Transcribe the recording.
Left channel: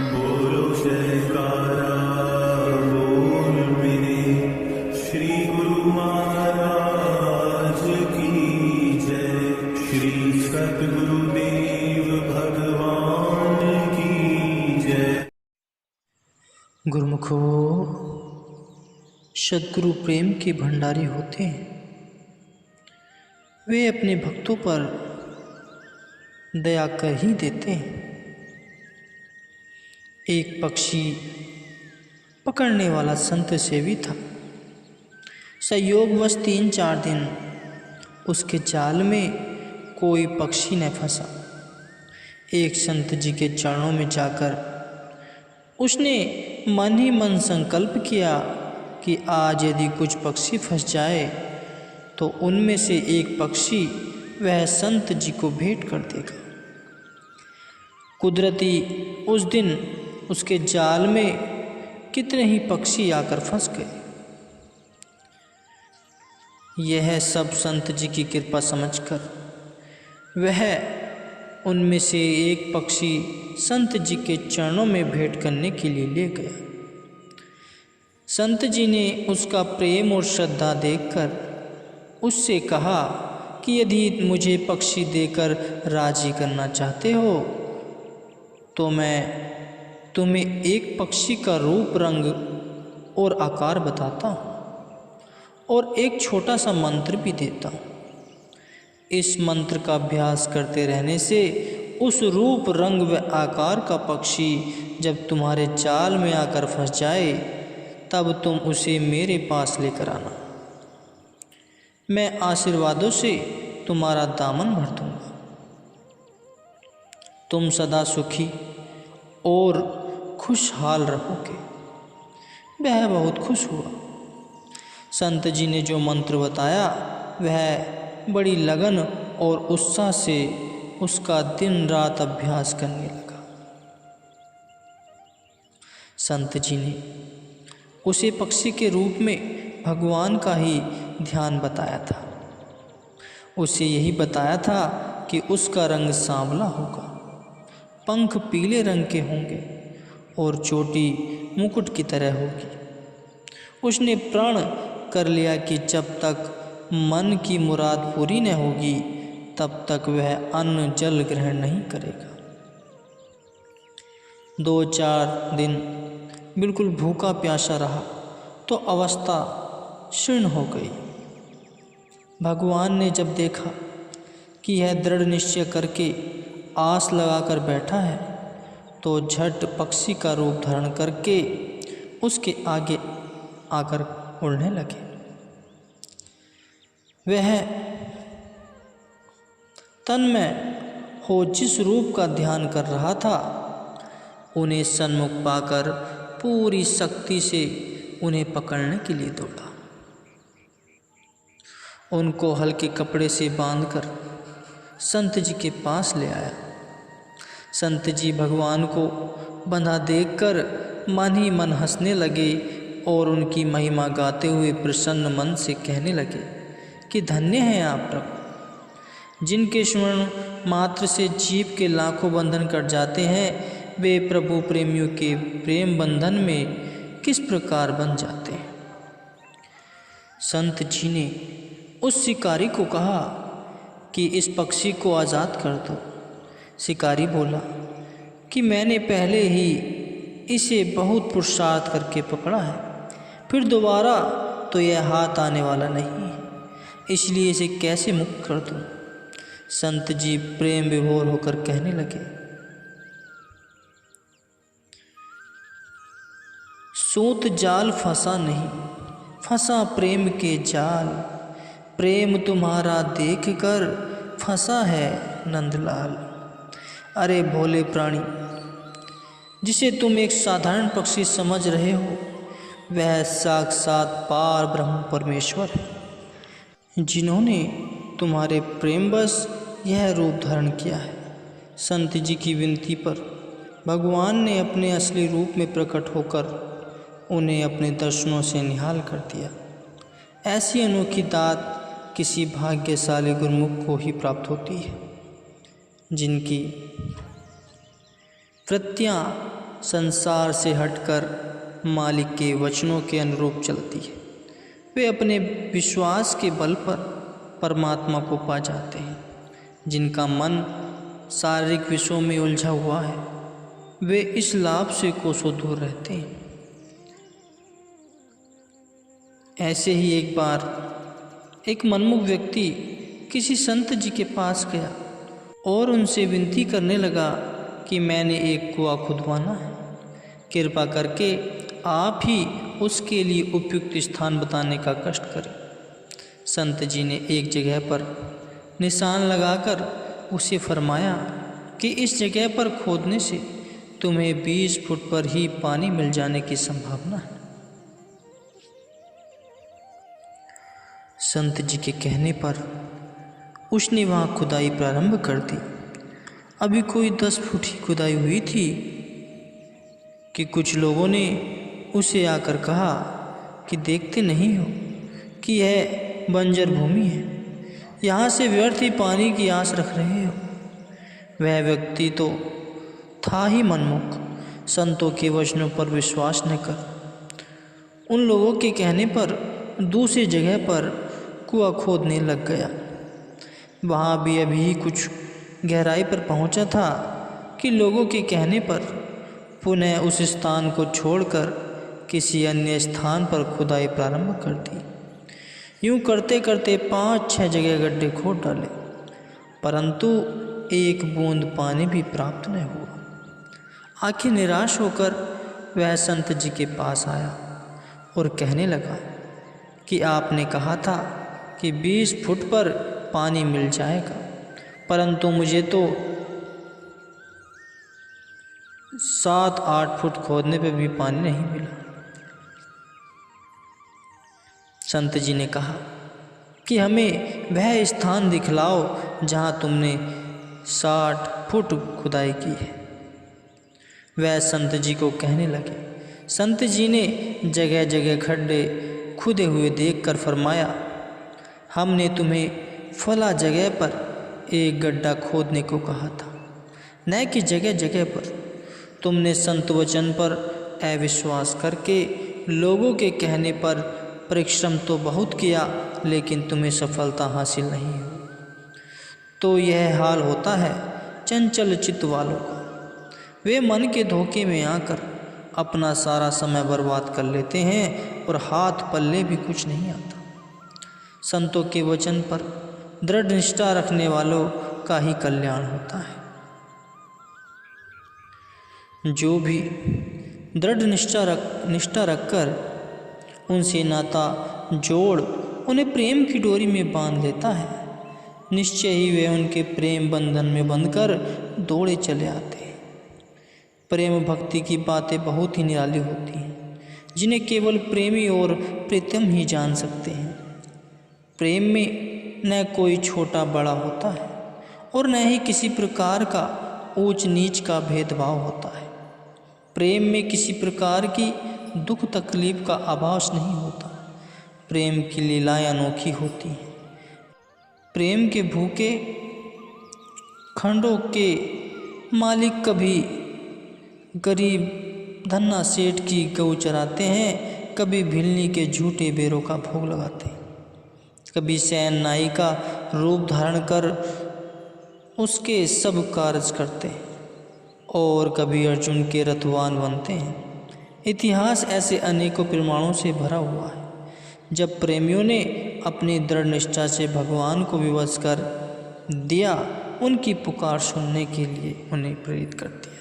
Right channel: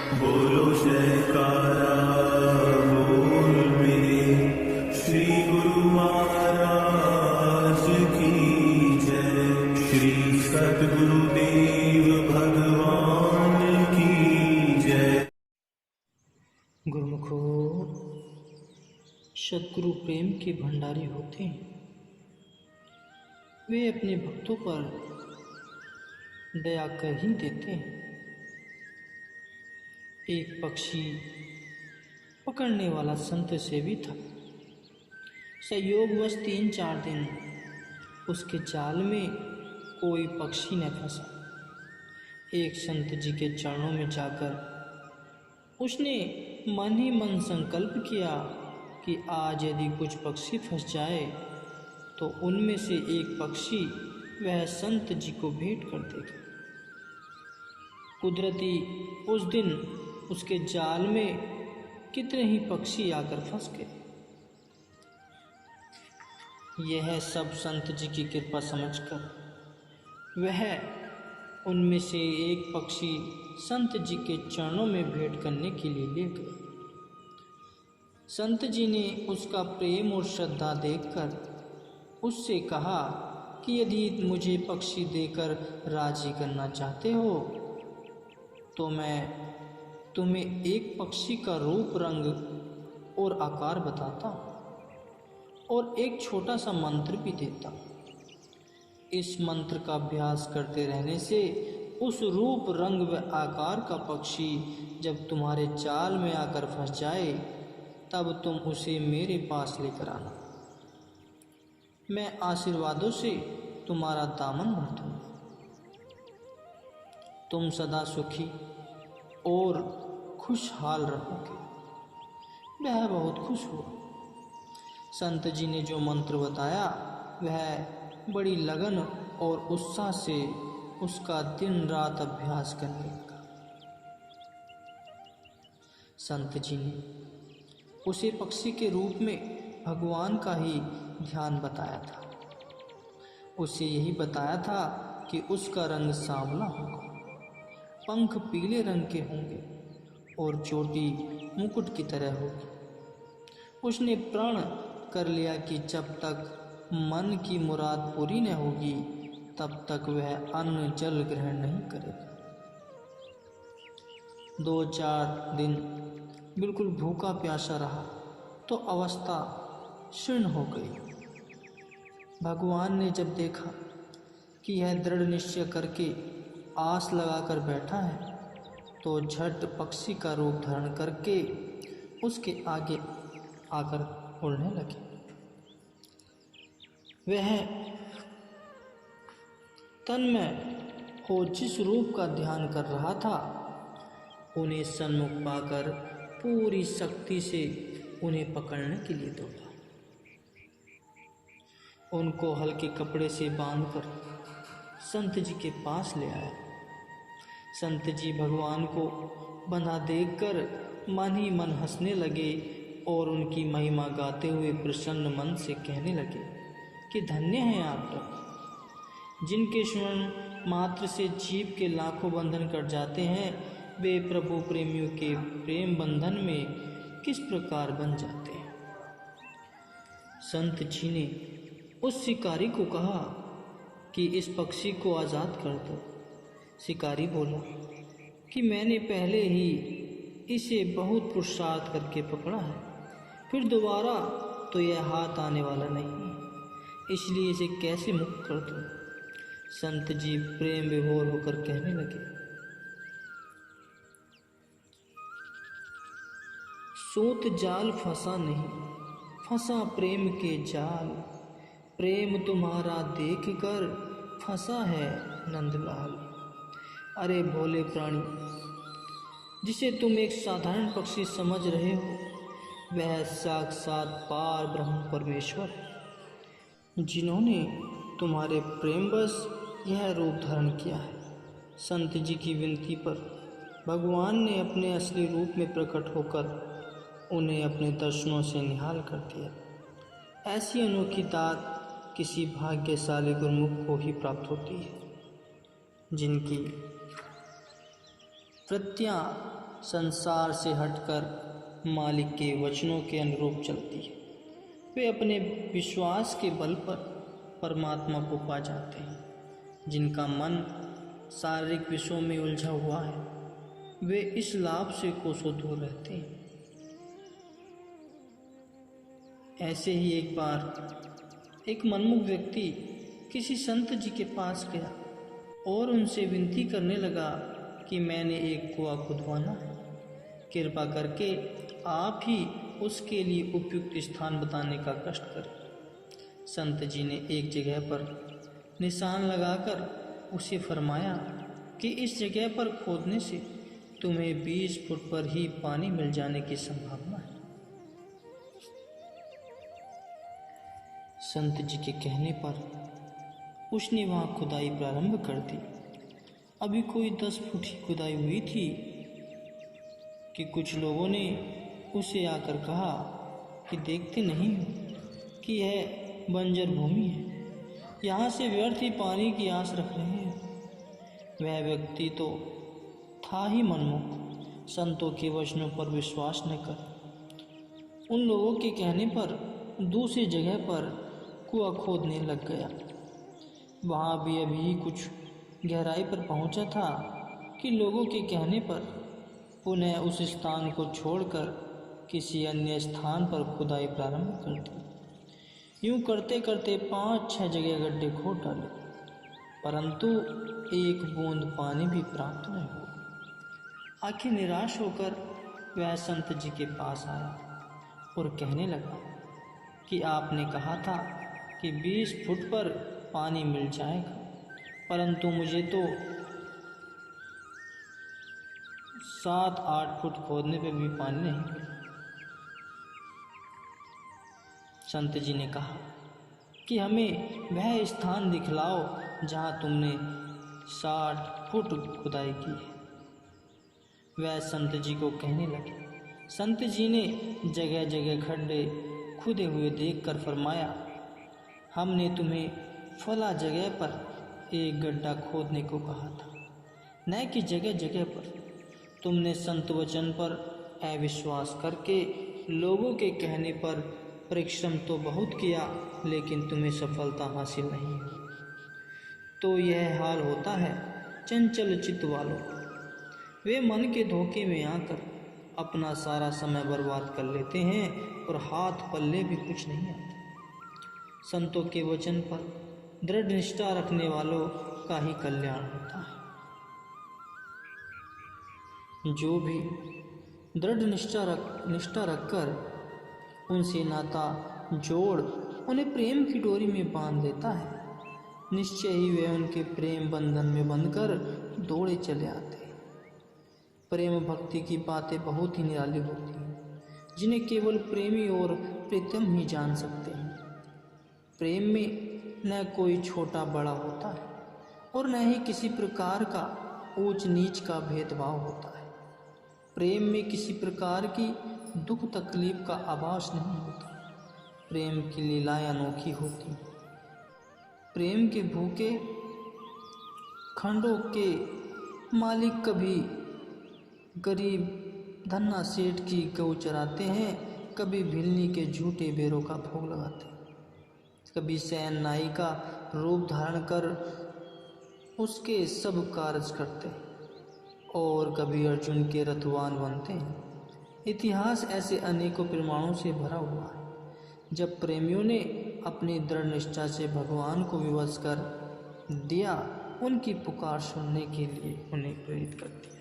बोलो जयकारा बोल मेरे श्री गुरु महाराज की जय। श्री सद्गुरुदेव भगवान की जय। गुरुमुखो, सद्गुरु प्रेम के भंडारी होते हैं। वे अपने भक्तों पर दया कर ही देते हैं। एक पक्षी पकड़ने वाला संत सेवी था। संयोगवश 3-4 दिन उसके जाल में कोई पक्षी न फंसा। एक संत जी के चरणों में जाकर उसने मन ही मन संकल्प किया कि आज यदि कुछ पक्षी फंस जाए तो उनमें से एक पक्षी वह संत जी को भेंट कर देगा। कुदरती उस दिन उसके जाल में कितने ही पक्षी आकर फंस गए। यह सब संत जी की कृपा समझकर वह उनमें से एक पक्षी संत जी के चरणों में भेंट करने के लिए ले गया। संत जी ने उसका प्रेम और श्रद्धा देखकर उससे कहा कि यदि मुझे पक्षी देकर राजी करना चाहते हो तो मैं तुम्हें एक पक्षी का रूप, रंग और आकार बताता हूँ और एक छोटा सा मंत्र भी देता हूँ। इस मंत्र का अभ्यास करते रहने से उस रूप, रंग व आकार का पक्षी जब तुम्हारे जाल में आकर फंस जाए तब तुम उसे मेरे पास लेकर आना। मैं आशीर्वादों से तुम्हारा दामन भर दूंगा। तुम सदा सुखी और खुशहाल रहोगे। वह बहुत खुश हुआ। संत जी ने जो मंत्र बताया वह बड़ी लगन और उत्साह से उसका दिन रात अभ्यास करने लगा। संत जी ने उसे पक्षी के रूप में भगवान का ही ध्यान बताया था। उसे यही बताया था कि उसका रंग सांवला होगा, पंख पीले रंग के होंगे और चोटी मुकुट की तरह होगी। उसने प्रण कर लिया कि जब तक मन की मुराद पूरी न होगी तब तक वह अन्न जल ग्रहण नहीं करेगा। 2-4 दिन बिल्कुल भूखा प्यासा रहा तो अवस्था क्षीण हो गई। भगवान ने जब देखा कि यह दृढ़ निश्चय करके आस लगाकर बैठा है तो झट पक्षी का रूप धारण करके उसके आगे आकर उड़ने लगे। वह तन्मय हो जिस रूप का ध्यान कर रहा था उन्हें सन्मुख पाकर पूरी शक्ति से उन्हें पकड़ने के लिए दौड़ा। उनको हल्के कपड़े से बांधकर संत जी के पास ले आया। संत जी भगवान को बंधा देखकर मन ही मन हंसने लगे और उनकी महिमा गाते हुए प्रसन्न मन से कहने लगे कि धन्य हैं आप प्रभु। जिनके स्मरण मात्र से जीव के लाखों बंधन कट जाते हैं वे प्रभु प्रेमियों के प्रेम बंधन में किस प्रकार बन जाते हैं। संत जी ने उस शिकारी को कहा कि इस पक्षी को आज़ाद कर दो। शिकारी बोला कि मैंने पहले ही इसे बहुत पुरुषार्थ करके पकड़ा है, फिर दोबारा तो यह हाथ आने वाला नहीं, इसलिए इसे कैसे मुक्त कर दूं। संत जी प्रेम विभोर होकर कहने लगे, सूत जाल फंसा नहीं, फंसा प्रेम के जाल, प्रेम तुम्हारा देख कर फंसा है नंदलाल। अरे भोले प्राणी, जिसे तुम एक साधारण पक्षी समझ रहे हो वह साक्षात पार ब्रह्म परमेश्वर है जिन्होंने तुम्हारे प्रेमवश यह रूप धारण किया है। संत जी की विनती पर भगवान ने अपने असली रूप में प्रकट होकर उन्हें अपने दर्शनों से निहाल कर दिया। ऐसी अनोखी दात किसी भाग्यशाली गुरुमुख को ही प्राप्त होती है जिनकी वृत्तियाँ संसार से हटकर मालिक के वचनों के अनुरूप चलती है, वे अपने विश्वास के बल पर परमात्मा को पा जाते हैं। जिनका मन शारीरिक विषयों में उलझा हुआ है, वे इस लाभ से कोसों दूर रहते हैं। ऐसे ही एक बार एक मनमुख व्यक्ति किसी संत जी के पास गया और उनसे विनती करने लगा कि मैंने एक कुआं खुदवाना है, कृपा करके आप ही उसके लिए उपयुक्त स्थान बताने का कष्ट करें। संत जी ने एक जगह पर निशान लगाकर उसे फरमाया कि इस जगह पर खोदने से तुम्हें 20 फुट पर ही पानी मिल जाने की संभावना है। संत जी के कहने पर उसने वहाँ खुदाई प्रारंभ कर दी। अभी कोई 10 फुट ही खुदाई हुई थी कि कुछ लोगों ने उसे आकर कहा कि देखते नहीं हो कि यह बंजर भूमि है, यहाँ से व्यर्थ ही पानी की आस रख रहे हो। वह व्यक्ति तो था ही मनमुख, संतों के वचनों पर विश्वास न कर उन लोगों के कहने पर दूसरी जगह पर कुआं खोदने लग गया। वहाँ भी अभी कुछ गहराई पर पहुँचा था कि लोगों के कहने पर पुनः उस स्थान को छोड़कर किसी अन्य स्थान पर खुदाई प्रारंभ कर दी। यूं करते करते 5-6 जगह गड्ढे खोद डाले, परंतु एक बूंद पानी भी प्राप्त न हुआ। आखिर निराश होकर वह संत जी के पास आया और कहने लगा कि आपने कहा था कि 20 फुट पर पानी मिल जाएगा, परंतु मुझे तो 7-8 फुट खोदने पर भी पानी नहीं मिला। संत जी ने कहा कि हमें वह स्थान दिखलाओ जहाँ तुमने 60 फुट खुदाई की है। वह संत जी को कहने लगे। संत जी ने जगह जगह खड्डे खुदे हुए देखकर फरमाया, हमने तुम्हें फला जगह पर एक गड्ढा खोदने को कहा था, न कि जगह जगह पर। तुमने संत वचन पर अविश्वास करके लोगों के कहने पर परिश्रम तो बहुत किया, लेकिन तुम्हें सफलता हासिल नहीं हुई। तो यह हाल होता है चंचल चित्त वालों का। वे मन के धोखे में आकर अपना सारा समय बर्बाद कर लेते हैं और हाथ पल्ले भी कुछ नहीं आता। संतों के वचन पर दृढ़ निष्ठा रखने वालों का ही कल्याण होता है। जो भी दृढ़ निष्ठा रखकर उनसे नाता जोड़ उन्हें प्रेम की डोरी में बांध लेता है, निश्चय ही वे उनके प्रेम बंधन में बंधकर दौड़े चले आते हैं। प्रेम भक्ति की बातें बहुत ही निराली होती हैं, जिन्हें केवल प्रेमी और प्रीतम ही जान सकते हैं। प्रेम में न कोई छोटा बड़ा होता है और न ही किसी प्रकार का ऊंच नीच का भेदभाव होता है। प्रेम में किसी प्रकार की दुख तकलीफ का आभास नहीं होता। प्रेम की लीलाएं अनोखी होती हैं। प्रेम के भूखे खंडों के मालिक कभी गरीब धन्ना सेठ की गऊ चराते हैं, कभी भिलनी के झूठे बेरों का भोग लगाते हैं, कभी सैन नाई का रूप धारण कर उसके सब कार्य करते हैं और कभी अर्जुन के रथवान बनते हैं। इतिहास ऐसे अनेकों प्रमाणों से भरा हुआ है, जब प्रेमियों ने अपनी दृढ़ निष्ठा से भगवान को विवश कर दिया, उनकी पुकार सुनने के लिए उन्हें प्रेरित कर दिया।